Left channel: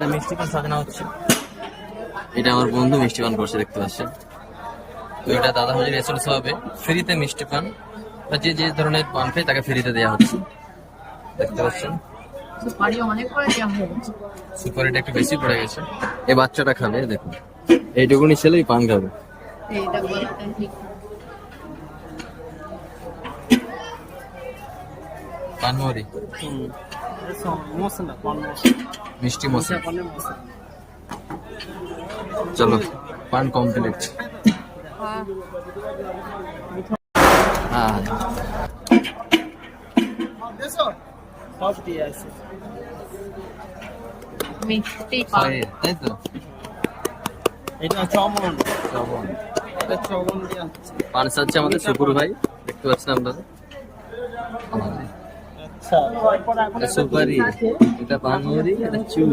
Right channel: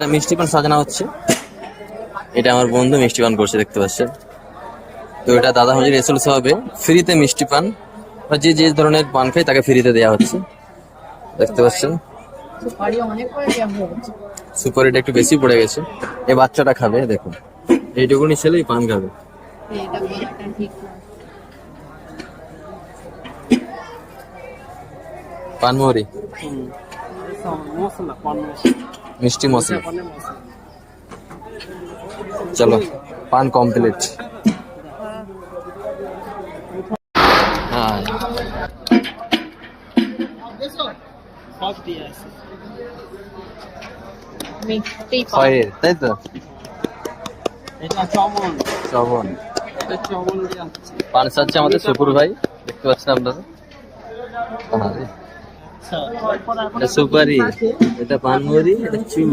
মিষ্টি পান সাজানো হচ্ছে। এটা আমার বন্ধু মিষ্টি পান করছে, দেখতে পাচ্ছেন। তো এটা দাদা হাজির এসএলএস হবে ফ্রিতে মিষ্টি পান, বা যে যে ধরনের পান খায় তাকে ফ্রিতে দেওয়া হচ্ছে, দেখতে পাচ্ছেন। সুপারিটা একটু বেশি পড়ে গেছে, এই বাচ্চাটা খাবে, দেখুন এইটুকুনি ছেলেই পান খাবে। পানমরি মিষ্টি মশলা। চলো পান কমপ্লিট। হ্যাঁ তাই তো, শ্রবণ পান সাজছে আমাদের সুপুর ভাই, দেখতে পাচ্ছেন আপনারা। সুপারি, এটা পানমরি, এটা চুল।